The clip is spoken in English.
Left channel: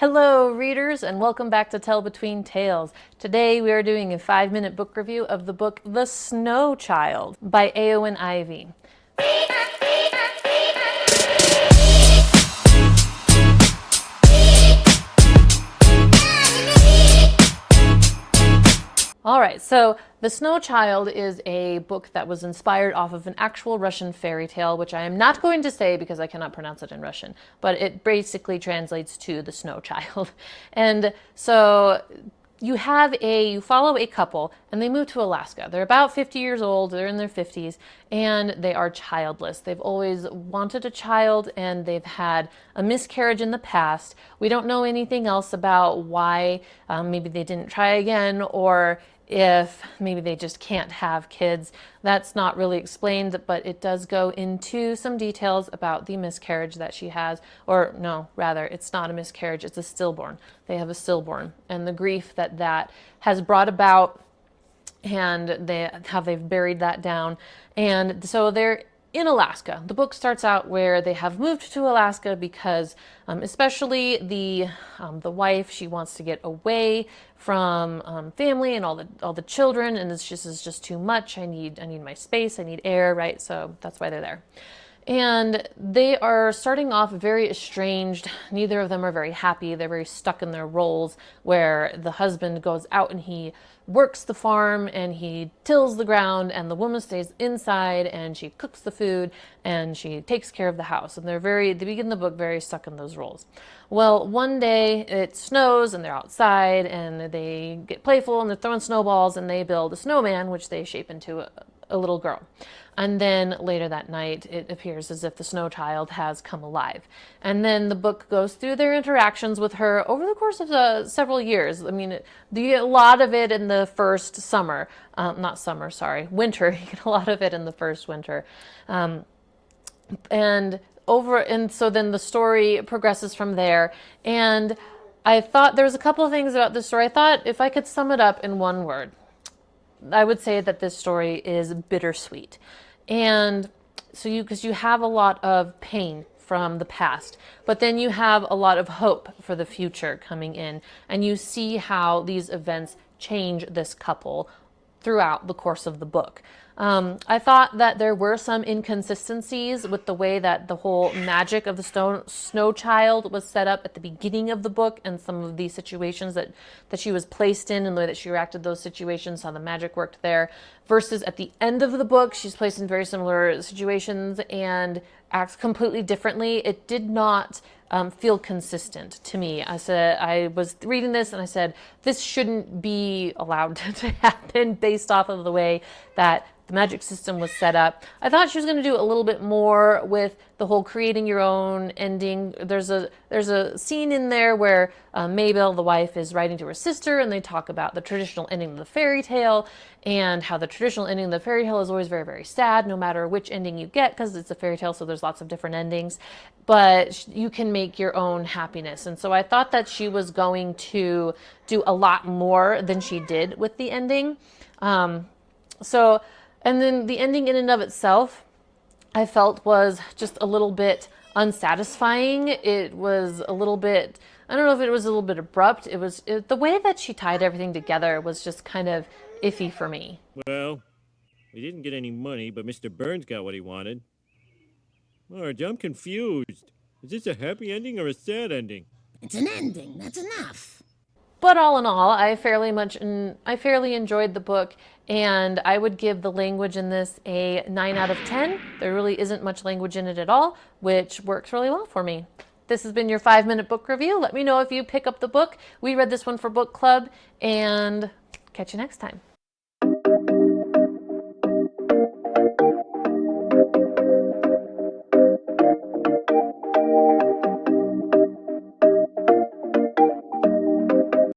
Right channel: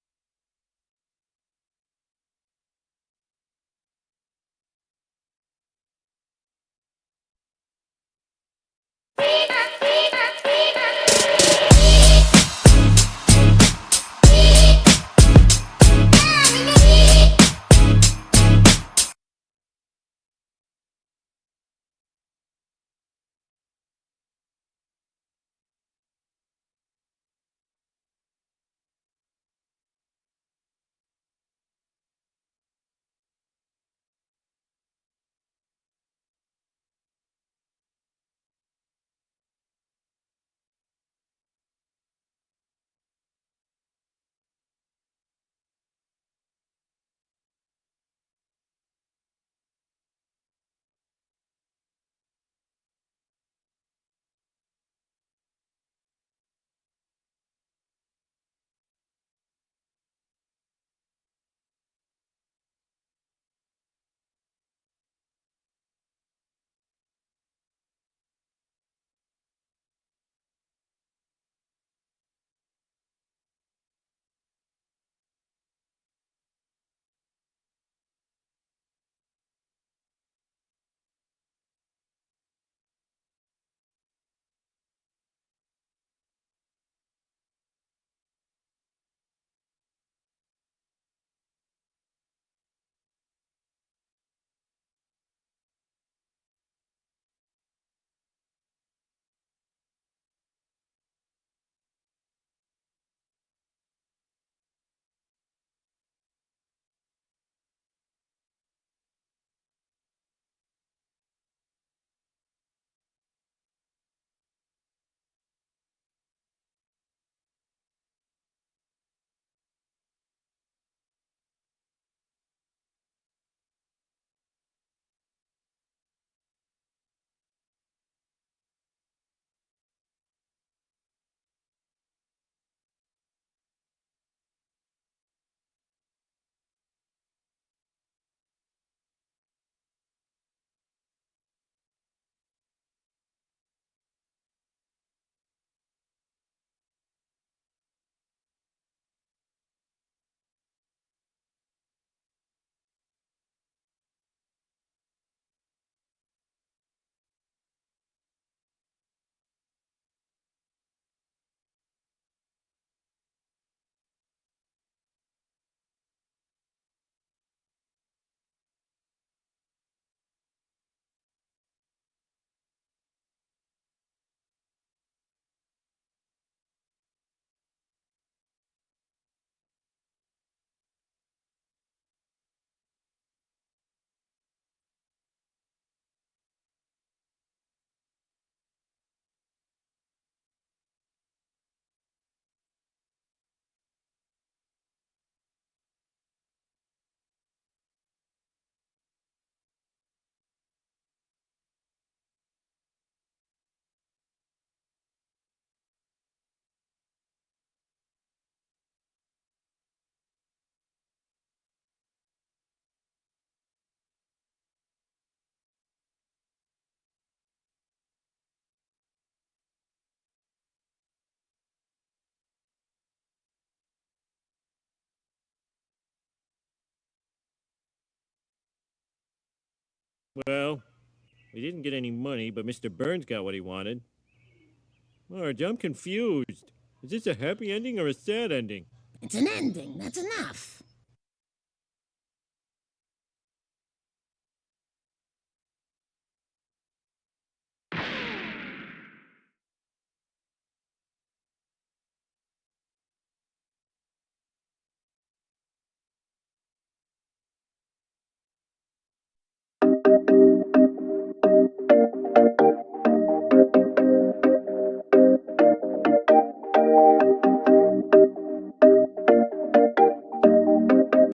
Hello, readers, and welcome back to Tell Between Tales. Today we are doing a 5-minute book review of the book The Snow Child by Eowyn Ivy. All right, so The Snow Child is a book that was inspired off of an actual Russian fairy tale, which I am not going to say because I cannot pronounce it in Russian, but it basically translates to The Snow Child. And so you follow a couple and they move to Alaska. They're about 50 years old, they're in their 50s, and they are childless. They've always wanted a child and they've had a miscarriage in the past. We don't know anything else about why. Maybe they didn't try again, or if maybe they just can't have kids. That's not really explained, but it does go into some details about the miscarriage that she has. Or no, rather, it's not a miscarriage, it's a stillborn. They have a stillborn and the grief that that has brought about, and how they've buried that down. And so they're in Alaska. The book starts out where they have moved to Alaska because, especially the wife, she wants to get away from family and all the children, and this is just too much. I need my space. I need air, right? So that's why they're there. And they are starting off very estranged. Neither of them are very happy. They're very stuck in their roles, where the husband goes out and he works the farm and he tills the ground, and the woman stays inside and she cooks the food and she takes care of the house. And they begin the book very stuck in those roles. Well, one day it snows and they're outside and they get playful and they're throwing snowballs and they build a snowman, which they shape into a little girl. And then later that night, it appears as if the snow child has come alive. And then the book goes through their interactions with her over the course of several years. I mean, you get a lot of it in the first summer. Winter. You get a lot of it in the first winter. And so then the story progresses from there. And I thought there was a couple of things about this story. I thought if I could sum it up in one word, I would say that this story is bittersweet. And so because you have a lot of pain from the past, but then you have a lot of hope for the future coming in, and you see how these events change this couple throughout the course of the book. I thought that there were some inconsistencies with the way that the whole magic of the snow child was set up at the beginning of the book, and some of the situations that she was placed in and the way that she reacted to those situations, how the magic worked there, versus at the end of the book, she's placed in very similar situations and acts completely differently. It did not feel consistent to me. I was reading this and I said, this shouldn't be allowed to happen based off of the way that the magic system was set up. I thought she was going to do a little bit more with the whole creating your own ending. There's a scene in there where Mabel, the wife, is writing to her sister, and they talk about the traditional ending of the fairy tale, and how the traditional ending of the fairy tale is always very, very sad, no matter which ending you get, because it's a fairy tale, so there's lots of different endings. But you can make your own happiness. And so I thought that she was going to do a lot more than she did with the ending. And then the ending in and of itself, I felt was just a little bit unsatisfying. It was a little bit, I don't know if it was a little bit abrupt. The way that she tied everything together was just kind of iffy for me. Well, we didn't get any money, but Mr. Burns got what he wanted. Marge, I'm confused. Is this a happy ending or a sad ending? It's an ending, that's enough. But all in all, I fairly enjoyed the book, and I would give the language in this a 9 out of 10. There really isn't much language in it at all, which works really well for me. This has been your 5-minute book review. Let me know if you pick up the book. We read this one for book club, and catch you next time.